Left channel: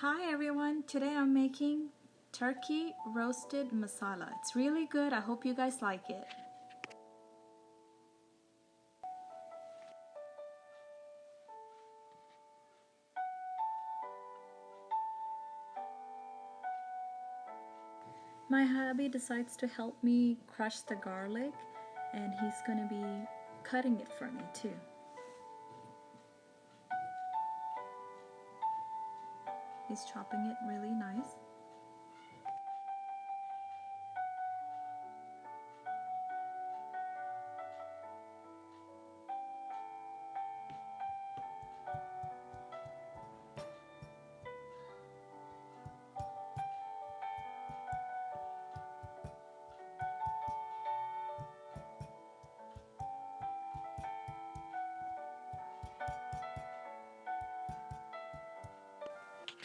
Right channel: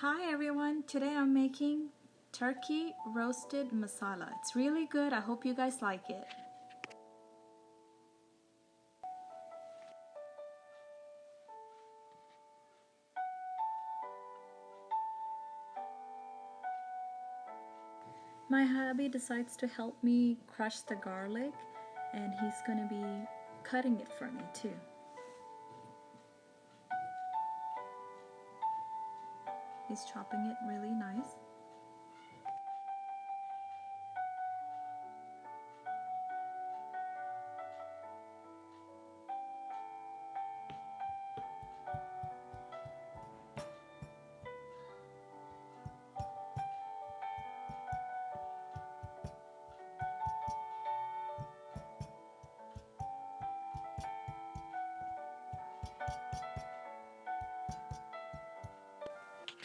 Hi everyone, today I'm making turkey roasted masala. It's really good. I hope you guys like it. My hubby decides to help me crush the garlic and he's going to be cutting it for me too. He's chopping it really nice.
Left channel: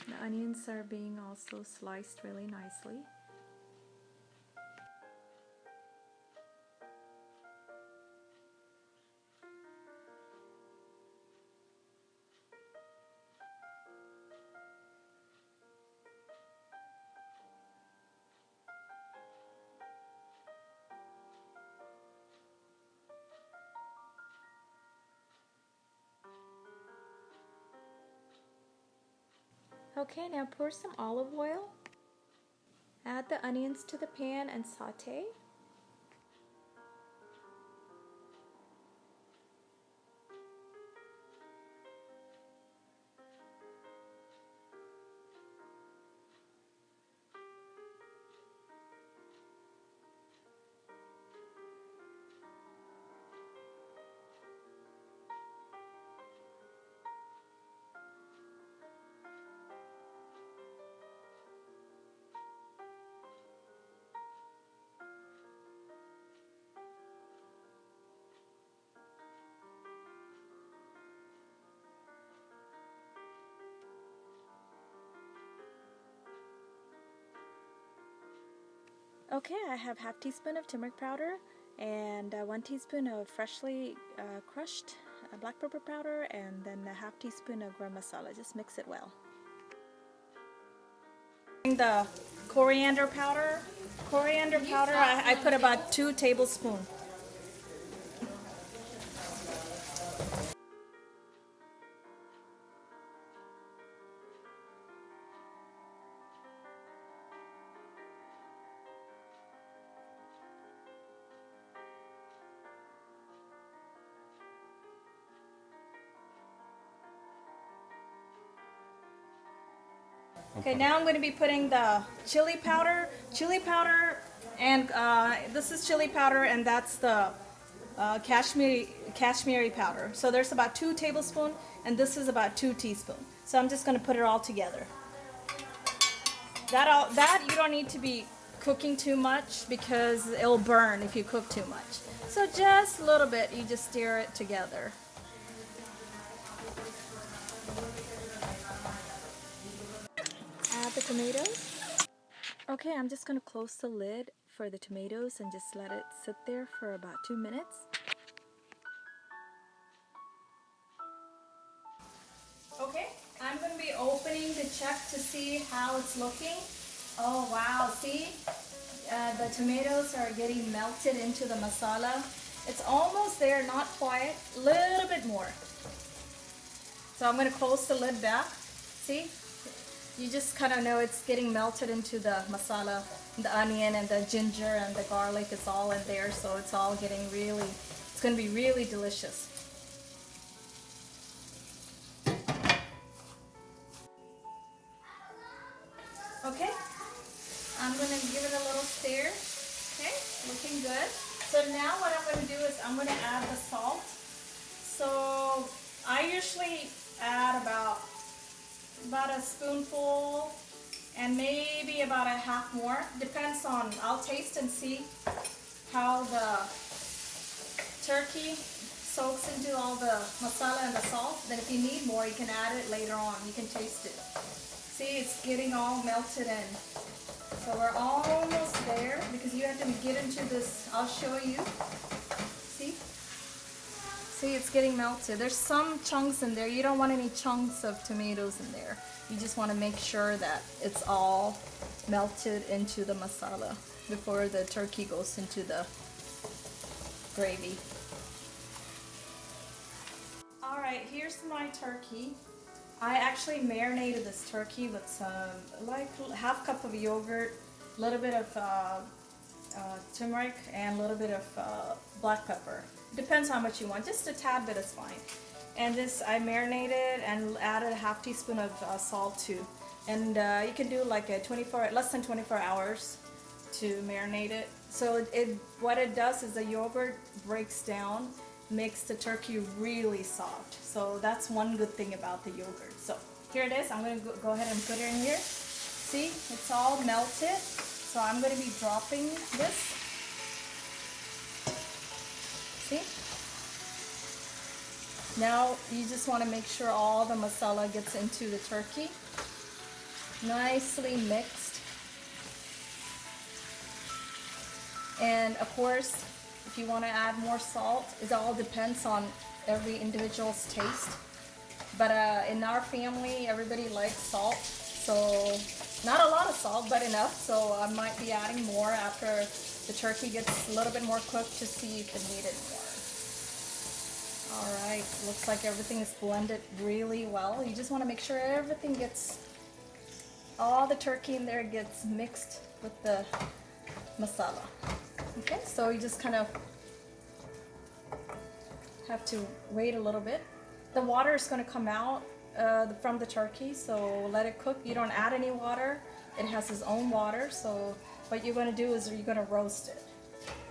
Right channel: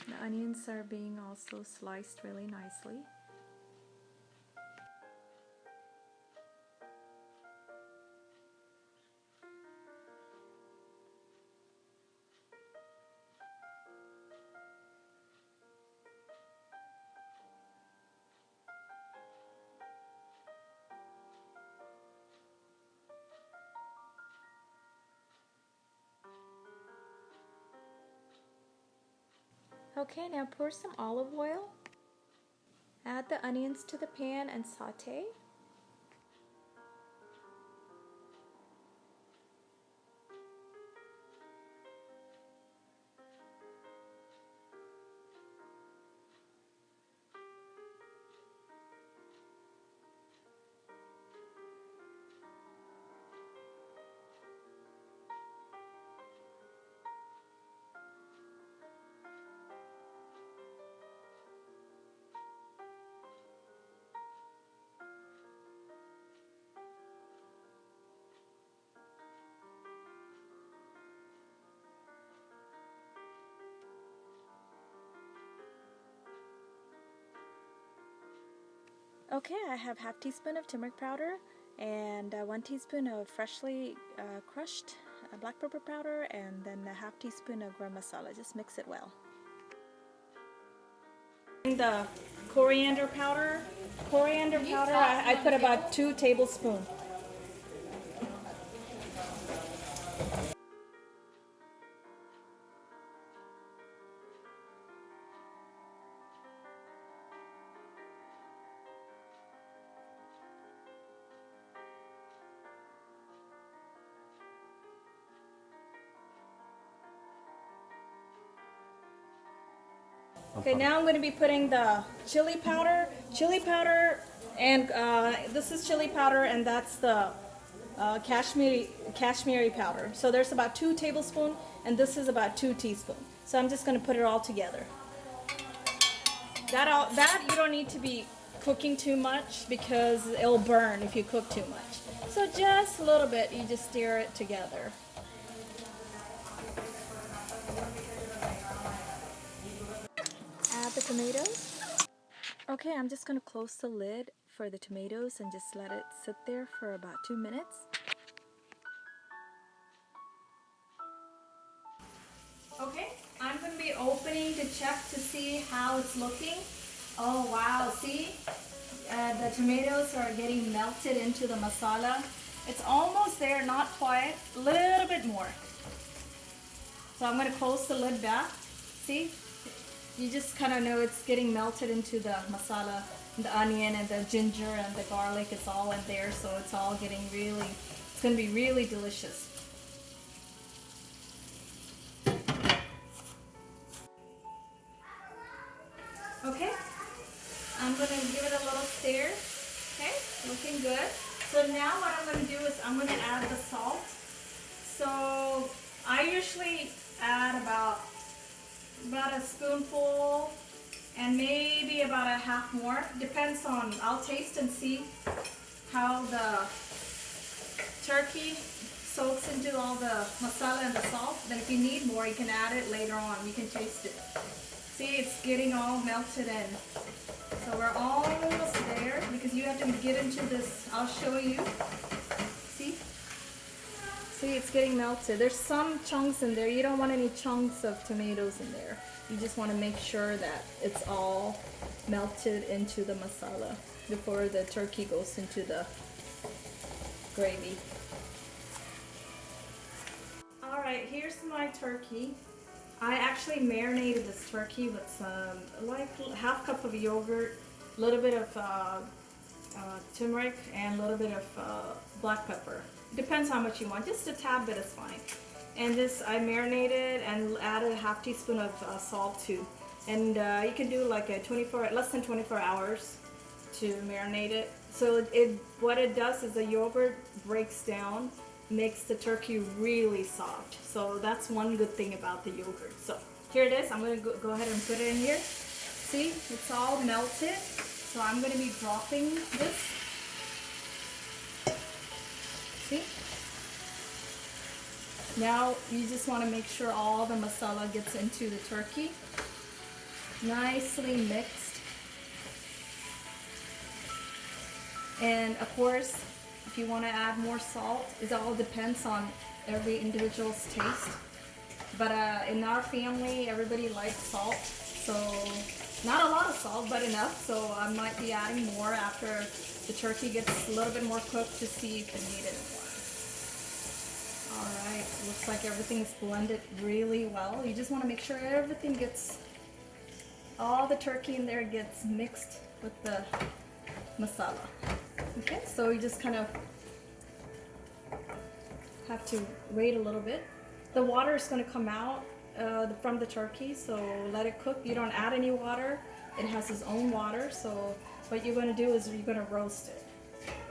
The onions are being also sliced really nicely. Okay, now pour some olive oil. Add the onions to the pan and saute. Okay, I have half teaspoon of turmeric powder and 1 teaspoon of freshly crushed black pepper powder and then a half teaspoon of garam masala. Just mix it well. The coriander powder. I put about 2 tablespoons. Okay, now I'm going to be putting the chili powder, and this is chili powder, and that's the Kashmiri powder. So there's about 2 tablespoons, and this is about 2 teaspoons. So I'm just going to put it all together. That you don't need to be cooking too much because it'll burn if you cook too much. So just a little bit, you just stir it together. Add the tomatoes. Okay, I'm just going to close the lid for the tomatoes and just let it sit there for about 2 minutes. Okay, I'm going to be opening to check to see how it's looking. Oh wow, see? The tomatoes are getting melted into the masala. It's almost there, not quite, a little bit more. So I'm going to close the lid back. See? You just kind of know it's getting melted into the masala, the onion and the ginger and the garlic is all in there, so it's all getting really, it's going to be really delicious. Okay, I'm going to give it a little stir. Okay, looking good. So now what I'm going to do is I'm going to add the salt. So I usually add about a spoonful and maybe about a half more. Depends on, I'll taste and see how the turkey soaks into all the masala and the salt. Then if you need more, you can add it later on. You can taste it. See, it's getting all melted in. So we're almost there because you have to get into this. I'll show you. See, it's getting melted. There's some chunks in there. You don't want any chunks of tomatoes in there. You just want to make sure that it's all melted into the masala before the turkey goes into the gravy. Alright, here's my turkey. I actually marinated this turkey with some, like half cup of yogurt, a little bit of turmeric, and a little bit of black pepper. Depends how much you want, just a tad bit is fine. And this I marinated and added a half teaspoon of salt too. And you can do like a less than 24 hours to marinate it. So what it does is the yogurt breaks down, makes the turkey really soft. So that's one good thing about the yogurt. So here it is. I'm going to go ahead and put it in here. See, it's all melted. So I'm going to be dropping this. See? Now you just want to make sure all the masala gets into the turkey. Nicely mixed. And of course, if you want to add more salt, it all depends on every individual's taste. But in our family, everybody likes salt. So not a lot of salt, but enough. So I might be adding more after the turkey gets a little bit more cooked to see if it needed more. Alright, looks like everything is blended really well. You just want to make sure everything gets, all the turkey in there gets mixed with the masala. Okay, so you just kind of have to wait a little bit. The water is going to come out from the turkey, so let it cook. You don't add any water. It has its own water, so what you're going to do is you're going to roast it.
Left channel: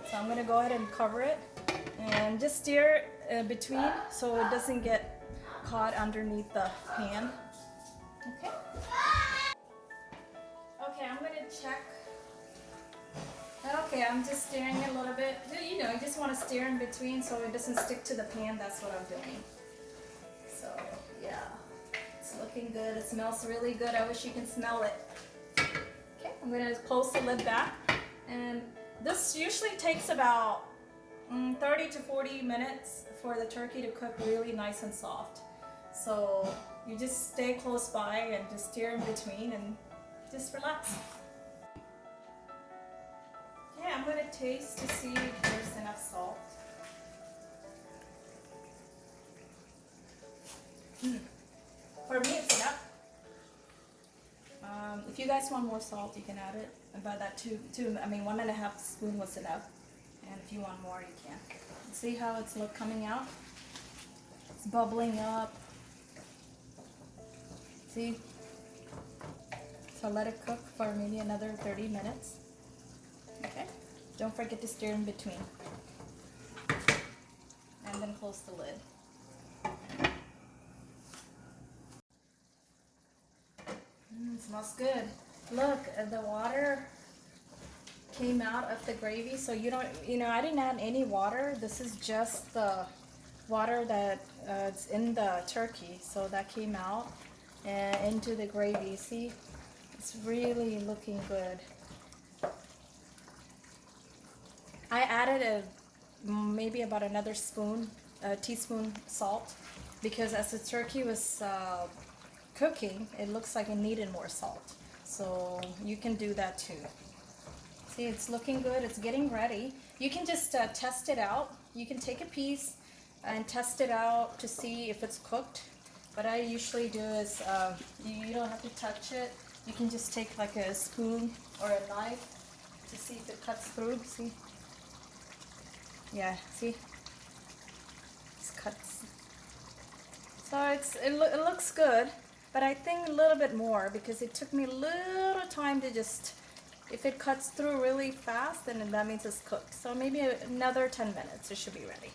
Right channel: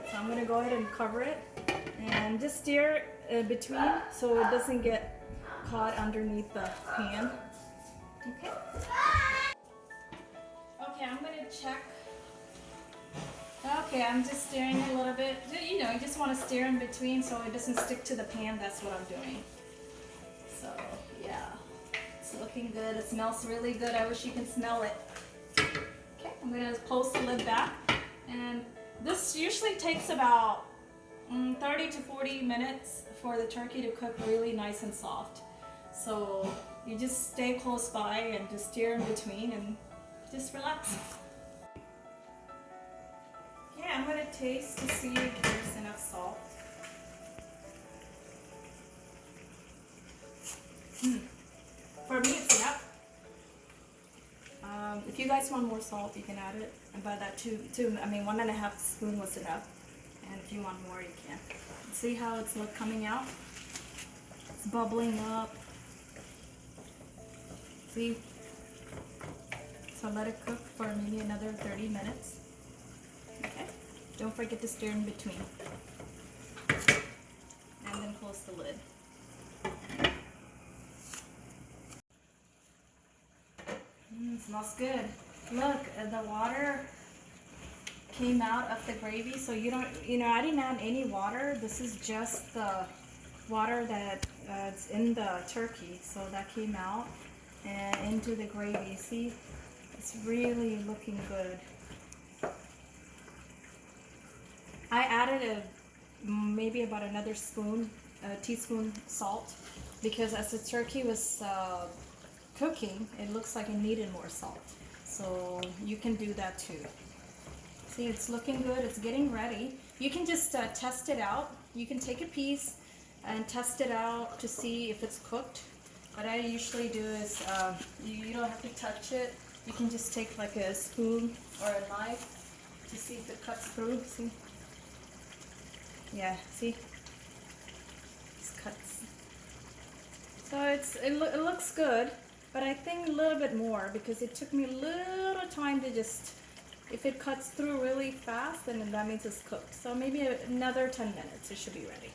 So I'm going to go ahead and cover it and just stir between so it doesn't get caught underneath the pan. Okay. Okay, I'm going to check. Okay, I'm just stirring it a little bit. You know, you just want to stir in between so it doesn't stick to the pan. That's what I'm doing. So, yeah. It's looking good. It smells really good. I wish you can smell it. Okay, I'm going to close the lid back. And this usually takes about 30 to 40 minutes for the turkey to cook really nice and soft. So, you just stay close by and just stir in between and just relax. Yeah, I'm going to taste to see if there's enough salt. For me, it's enough. If you guys want more salt, you can add it. About that 1.5 spoon was enough. And if you want more, you can. See how it's coming out? It's bubbling up. See? So let it cook for maybe another 30 minutes. Okay, don't forget to stir in between. And then close the lid. Smells good. Look, the water came out of the gravy, so I didn't add any water. This is just the water that is in the turkey. So that came out and into the gravy. See, it's really looking good. I added maybe about another teaspoon salt, because as the turkey was cooking, it looks like it needed more salt. So you can do that too. See, it's looking good. It's getting ready. You can just test it out. You can take a piece and test it out to see if it's cooked. What I usually do is you don't have to touch it. You can just take like a spoon or a knife to see if it cuts through. See? Yeah, see? It cuts. So it looks good, but I think a little bit more, because it took me a little time to just, if it cuts through really fast, then that means it's cooked. So maybe another 10 minutes, it should be ready.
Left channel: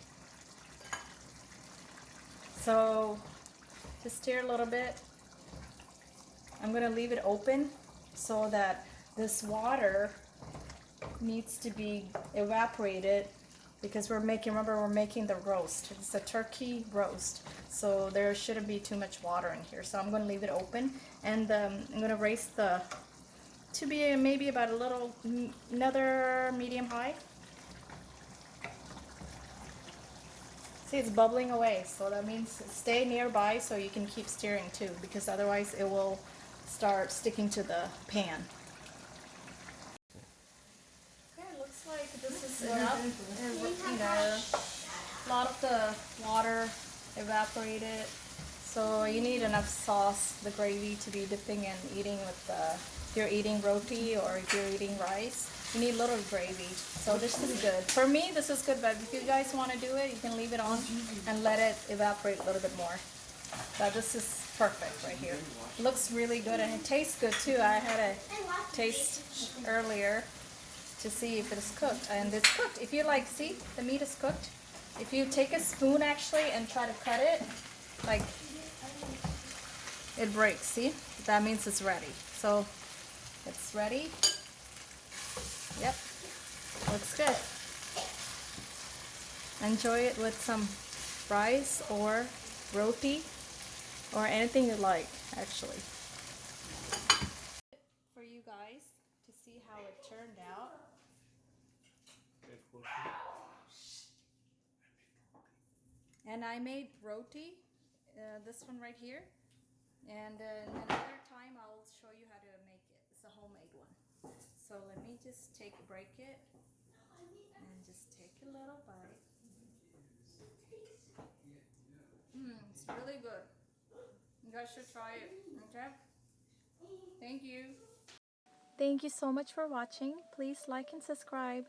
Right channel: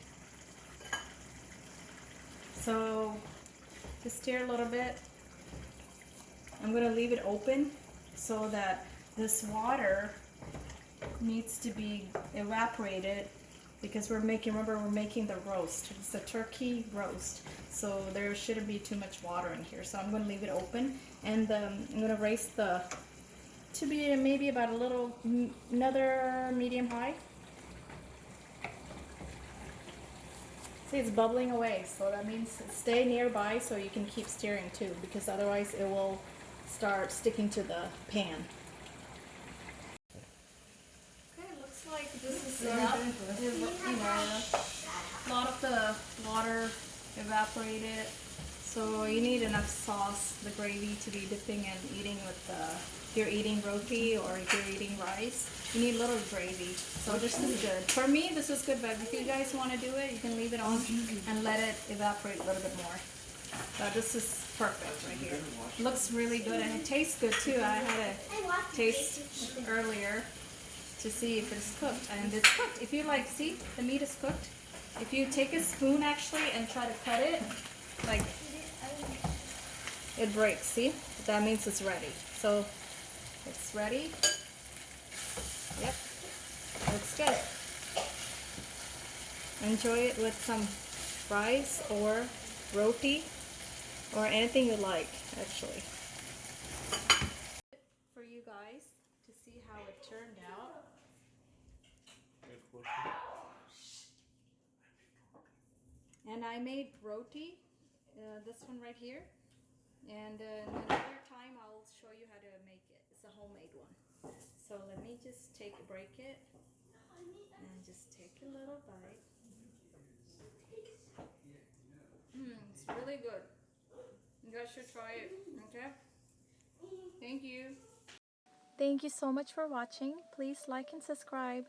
So just stir a little bit. I'm going to leave it open so that this water needs to be evaporated, because remember we're making the roast. It's a turkey roast, so there shouldn't be too much water in here. So I'm going to leave it open, and I'm going to raise to be maybe about another medium high. See, it's bubbling away, so that means stay nearby so you can keep stirring too, because otherwise it will start sticking to the pan. Okay, looks like this is enough. You know, a lot of the water evaporated. So you need enough sauce, the gravy, to be dipping and eating with if you're eating roti or if you're eating rice. You need a little gravy. So this is good. For me, this is good, but if you guys want to do it, you can leave it on and let it evaporate a little bit more. But this is perfect right here. Looks really good and it tastes good too. I had a taste earlier to see if it's cooked, and it's cooked. If you like, see, the meat is cooked. If you take a spoon actually and try to cut it, like, it breaks, see? That means it's ready. So it's ready. Yep, looks good. Enjoy it with some rice or roti or anything you like, actually. For you guys to see how it turned out. And I made roti, this one right here. And another time I'll show you how to make it. It's a homemade one. So let me just break it and just take a little bite. It's really good. You guys should try it, okay? Thank you. Thank you so much for watching. Please like and subscribe.